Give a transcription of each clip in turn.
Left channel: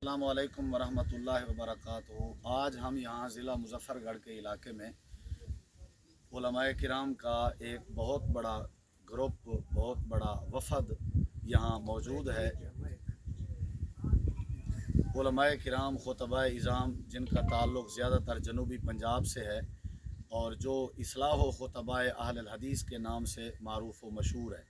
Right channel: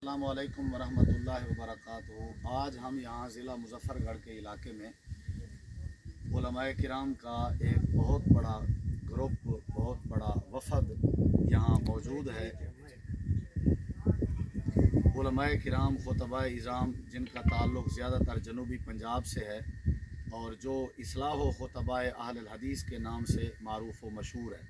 अस्सलामु अलैकुम वरहमतुल्लाहि वबरकातुहू। आज हम यहाँ ज़िला मुज़फ़्फ़रगढ़ के इलाके में उलमाए किराम का एक बहुत बड़ा ग्रुप, बहुत बड़ा वफ़द यहाँ मौजूद है। उलमाए किराम खुतबाए इज़ाम जिनका ताल्लुक़ ज़्यादातर जनूबी पंजाब से है और जो इस्लाह व खुतबाए अहल हदीस के नाम से मारूफ़ व मशहूर है,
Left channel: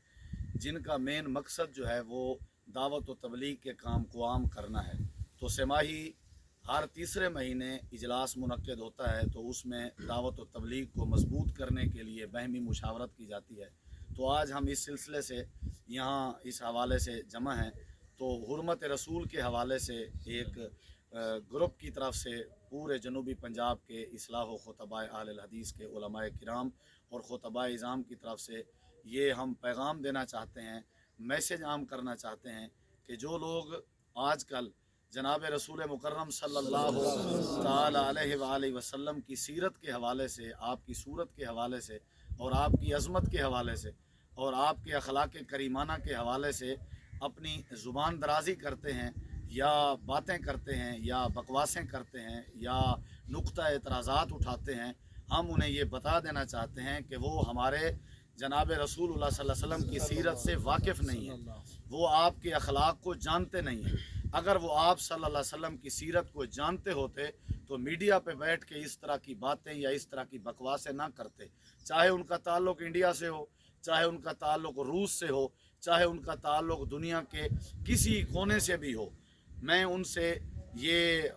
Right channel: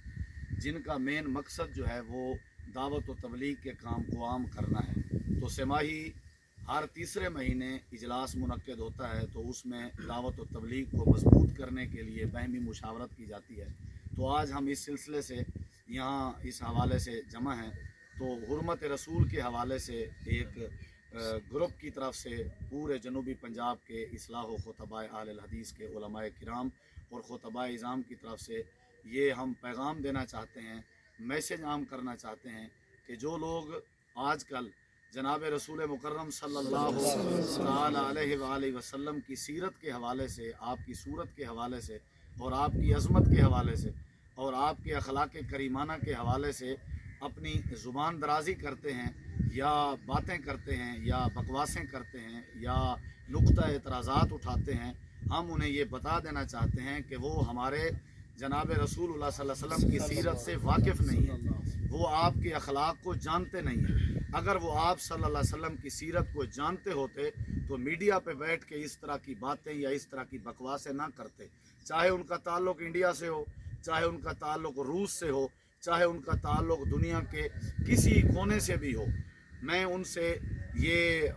जिनका मेन मकसद जो है वो दावत व तबलीग के काम को आम करना है। तो सेमाही हर तीसरे महीने इजलास मुनक्किद होता है, तो उसमें दावत व तबलीग को मजबूत करने के लिए बहमी मुशावरत की जाती है। तो आज हम इस सिलसिले से यहाँ इस हवाले से जमा हैं। तो हुर्मत रसूल के हवाले से एक ग्रुप की तरफ से पूरे जनूबी पंजाब के इस्लाह व खुतबाए अहल हदीस के उलमाए किराम और खुतबाए इज़ाम की तरफ से ये हम पैगाम देना चाहते हैं, मैसेज आम करना चाहते हैं कि जो लोग आजकल जनाब रसूल मुकर्रम सल्लल्लाहु अलैहि वसल्लम की सीरत के हवाले से, आपकी सूरत के हवाले से और आपकी अज़मत के हवाले से और आपके अखलाक करीमाना के हवाले से अपनी ज़ुबान दराज़ी करते हैं या बातें करते हैं या बकवासें करते हैं या नुक्ता एतराज़ात उठाते हैं, हम उन्हें ये बता देना चाहते हैं कि वो हमारे जनाब रसूलुल्लाह सल्लल्लाहु अलैहि वसल्लम की सीरत से वाकिफ़ नहीं है, वो आपके अखलाक को जानते नहीं हैं। अगर वो आप सल्लल्लाहु अलैहि वसल्लम की सीरत को जानते होते तो मीडिया पे बैठ के इस तरह की बातें या इस तरह की बकवासें ना करते। चाहे उनका ताल्लुक़ इंडिया से हो, चाहे उनका ताल्लुक़ रूस से हो, चाहे उनका ताल्लुक़ दुनिया के किसी कोने से भी हो। मैं उनसे ये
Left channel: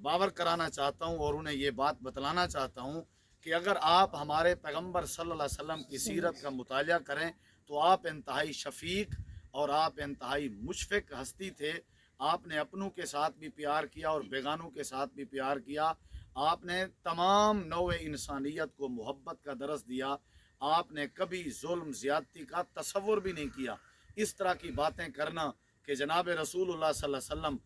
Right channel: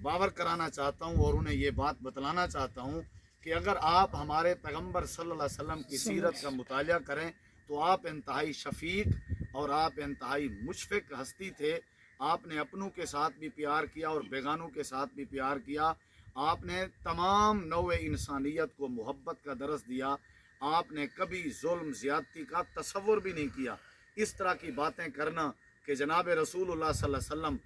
बावर कराना चाहता हूँ और उन्हें ये बात बतलाना चाहता हूँ कि अगर आप हमारे पैगम्बर सल्लल्लाहु अलैहि वसल्लम की सीरत का मुतालिया करें तो आप इंतहाई शफ़ीक और आप इंतहाई मुशफ़िक़ हस्ती थे। आपने अपनों के साथ भी प्यार किया और बेगानों के साथ भी प्यार किया। आपने तमाम नौए इंसानियत को मोहब्बत का दरस दिया। आपने कभी जुल्म ज़्यादती का तसव्वुर भी नहीं किया। इस तरह की बातें करना कि जनाब रसूलुल्लाह सल्लल्लाहु अलैहि वसल्लम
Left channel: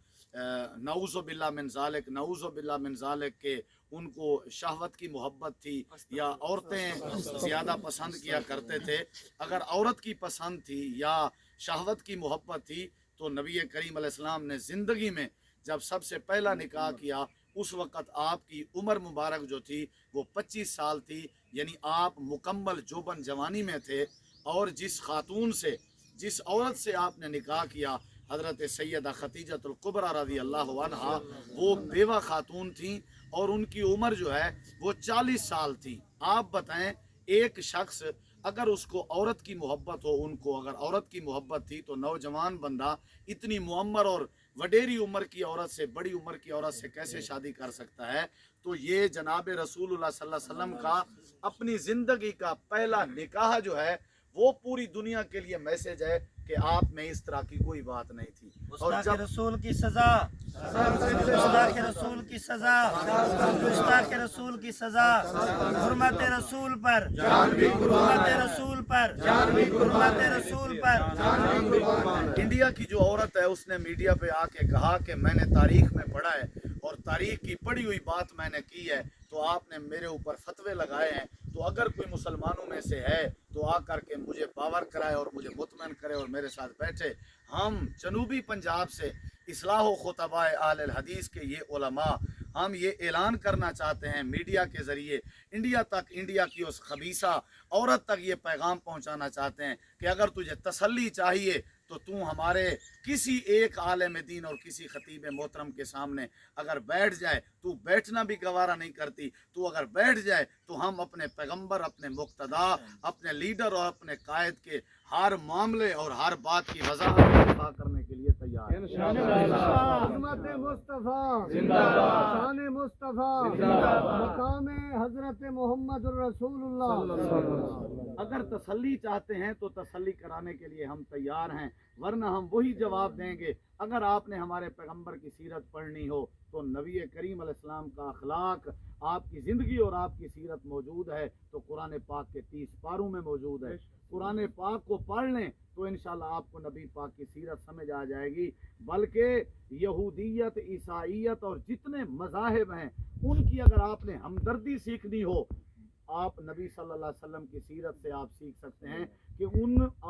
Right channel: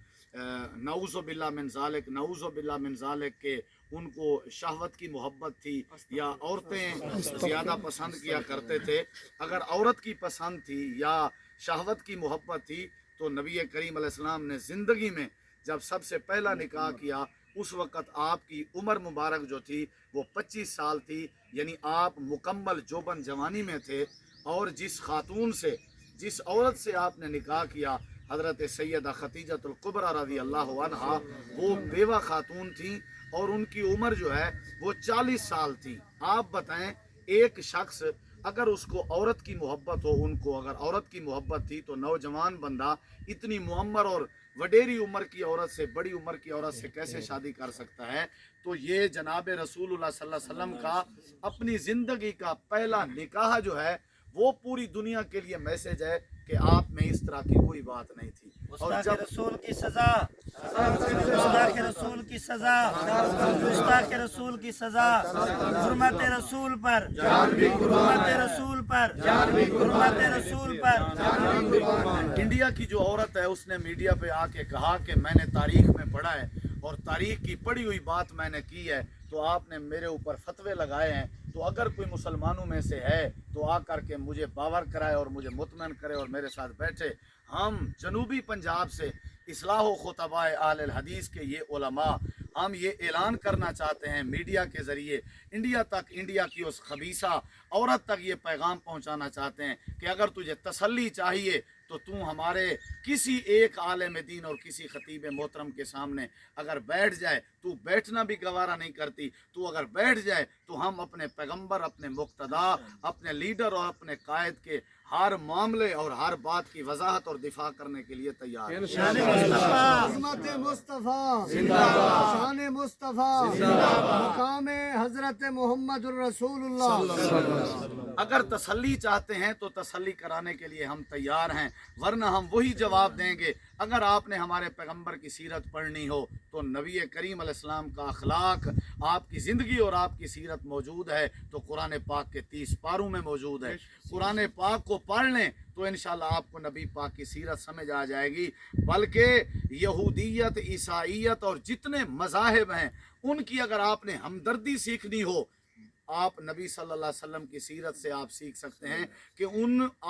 नऊज़ु बिल्लाह मिन ज़ालिक, नऊज़ु बिल्लाह मिन ज़ालिक के उनको शहवत की मोहब्बत थी या औरतें ज़्यादा पसंद किया करते थे। अगर औरत की पसंद थी या शहवत की मोहब्बत थी तो नबी करीम अलैहिस्सलाम ने ज़िंदगी में जब सबसे पहला निकाह किया उस वक़्त आपकी उम्र मुबारक जो थी वो 25 साल थी, यानी आप मुकम्मल जोबन जवानी में थे। और जिस खातून से, जिस औरत से आपने निकाह किया हज़रत सैयदा खतीजतुल कुबरा रज़ी अल्लाह अन्हा, वो बेवा खातून थी और उनकी उम्र जो है वो 40 साल थी। आप बताएं, एक शख्स अगर उसको औरत की मोहब्बत हो, उनको अगर औरत की मोहब्बत थी तो नौजवान बंदा इतनी मुअम्मर और वडेरी उम्र की औरत से, बड़ी उम्र की औरत से कैसे शादी कर सकता है। तो ये जनाब रसूलुल्लाह सल्लल्लाहु अलैहि वसल्लम का अपनी ज़िंदगी का पहला निकाह जो है वो पूरी दुनिया के लिए मैसेज है कि आप में इस तरह की कोई बात नहीं थी। और जब रसूल की सजा, गुस्ताख रसूल की सजा, गुस्ताख रसूल की सजा, हुर्मत रसूल पर, हुर्मत रसूल पर, हुर्मत रसूल पर। इंडिया की जो औरत है उसने मीडिया पे आके कहा कि मैंने तारीख में पढ़ा है और तारीख की पढ़ी हुई बात मैंने की है, तो आपने मेरे ऊपर फतवे लगाए हैं। तो अगर कोई मुसलमानों में से है तो आकर के मुझे बावर कराए और मुझे मुतमईन करे और मेरे साथ बैठे। हम जनूबी पंजाब से इस्लाह व खुतबाए अहल हदीस के ये उलमा, हम ये ऐलान करना चाहते हैं मीडिया के ज़रिए इंडिया तक, इंडिया की उस खबीसा औरत तक ये पैगाम पहुंचाना चाहते हैं कि अगर तुझे तसल्ली चाहिए तो तू हमारे किसी एक आलिम दीन और किसी खतीब मोहतरम के सामने अगर बैठ जाए, तू बैठना भी गवारा नहीं करती, तू अगर बैठ जाए तो हम अपने पैगंबर, अपने मुक्तदा, अपने लीडर और अपने कायद के हर मामले और हर बात की वजाहत और दिफा करने के लिए तैयार हैं। शान मुस्तफा, मकाम हजरत मोहम्मद रसूलुल्लाह। अगर तसल्ली चाहते हैं तो तसल्ली कराने के लिए हम तैयार हैं, वरना हम वही जवाब देंगे। अगर आपने हमारे पैगंबर की सीरत पढ़नी हो तो नबी करीम अलैहिस्सलाम का अखलाक, आपकी ज़िंदगी और आपकी सीरत मौजूद है तो कुरान पाक के 30 पारों में मौजूद है। कुरान पाक को पढ़ लें तो इंशाल्लाह आपको नबी पाक की सीरत समझ आ जाएगी। बल्कि यहूदियत, ईसाईयत और जितने मज़ाहिब हैं उनकी अगर आपने हमदर्दी सीखनी हो, आप नबी सल्लल्लाहु अलैहि वसल्लम की सीरत से आप सीख सकते हैं कि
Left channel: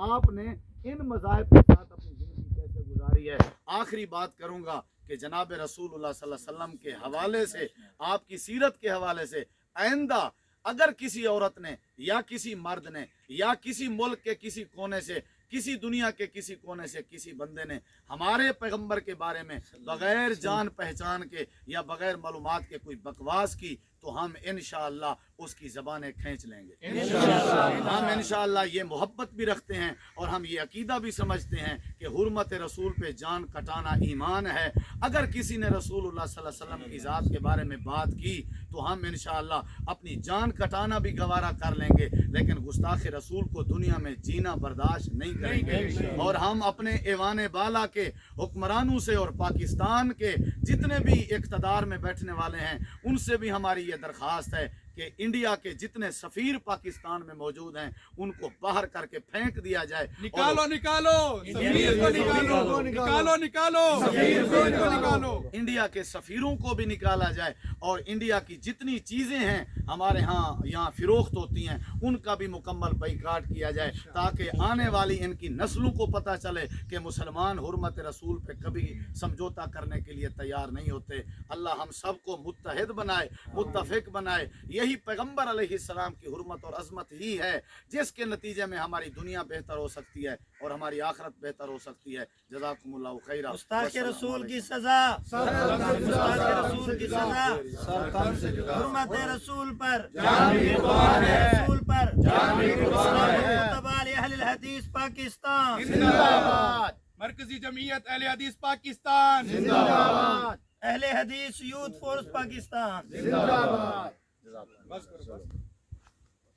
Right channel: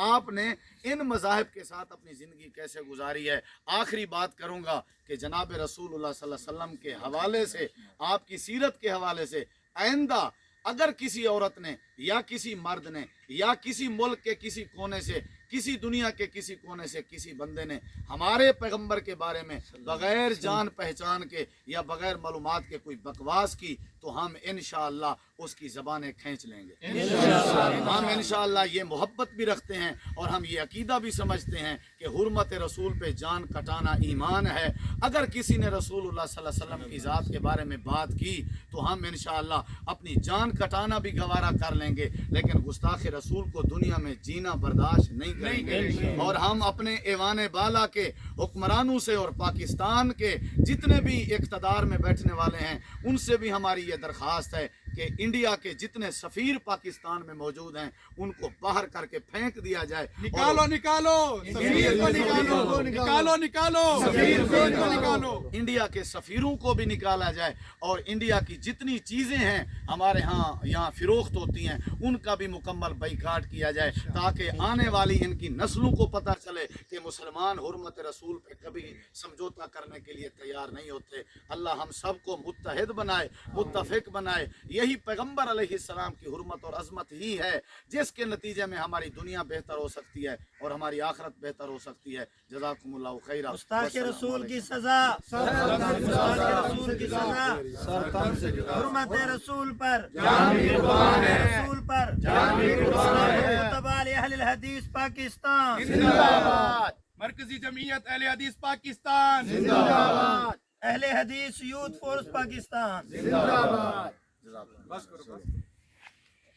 आपने इन मज़ाहिब के साथ अपनी ज़िंदगी कैसे गुजारी है। आखिरी बात करूँगा کہ جناب रसूलुल्लाह सल्लल्लाहु अलैहि वसल्लम के हवाले से, आपकी सीरत के हवाले से आइंदा अगर किसी औरत ने या किसी मर्द ने या किसी मुल्क के किसी कोने से, किसी दुनिया के किसी कोने से किसी बंदे ने हमारे पैगंबर के बारे में बगैर जान पहचान के या बगैर मालूमात के कोई बकवास की, तो हम इंशाअल्लाह उसकी ज़बानें खींच लेंगे। हम इंशाअल्लाह ये मोहब्बत भी रखते हैं और हम ये अकीदा भी समझते हैं कि हुर्मत रसूल पे जान कटाना ईमान है। अगर किसी ने रसूलुल्लाह सल्लल्लाहु अलैहि वसल्लम की ज़ात के बारे में बात की तो हम इंशाअल्लाह अपनी जान कटाना भी गवारा कर लेंगे, लेकिन गुस्ताख रसूल को दुनिया में जीना बर्दाश्त नहीं करेंगे। और हम अपने ऐवान बाला के हुक्मरानों से और पाकिस्तान के जितने भी इक़्तिदार में बैठने वाले हैं उनसे भी हमारी ये दरख्वास्त है कि इंडिया के जितने सफ़ीर पाकिस्तान में मौजूद हैं उनको बाहर करके फेंक दिया जाए। निकालो निकालो सफीर को निकालो, निकालो निकालो सफीर को निकालो। इंडिया के सफ़ीरों को भी निकाला जाए और इंडिया की जितनी चीज़ें हैं हमारे यहाँ फ़रोख्त होती हैं उनका भी मुकम्मल बाइकाट किया जाए, ताकि आने वाली इनकी नस्लों को पता चले कि मुसलमान हुर्मत रसूल पे कभी समझौता करने के लिए तैयार नहीं होते। अल्लाह हम सबको मुत्तहिद बनाए, मुत्तफिक बनाए। यही पैगंबर अलैहिस्सलाम की हुर्मत और अज़मत ही है जिसके नतीजे में हमारी दुनिया बेहतर हो सकती है और हमारी आखिरत बेहतर हो सकती है। जज़ाकुमुल्लाहु खैरा। गुस्ताख रसूल की सजा, गुस्ताख रसूल की सजा, हुर्मत रसूल पर, रसूल पर, अहले हदीस पाकिस्तान जिंदाबाद, मरकजी जमीयत अहले हदीस पाकिस्तान जिंदाबाद, अहले हदीस यूथ फोर्स पाकिस्तान जिंदाबाद। जज़ाकुमुल्लाह।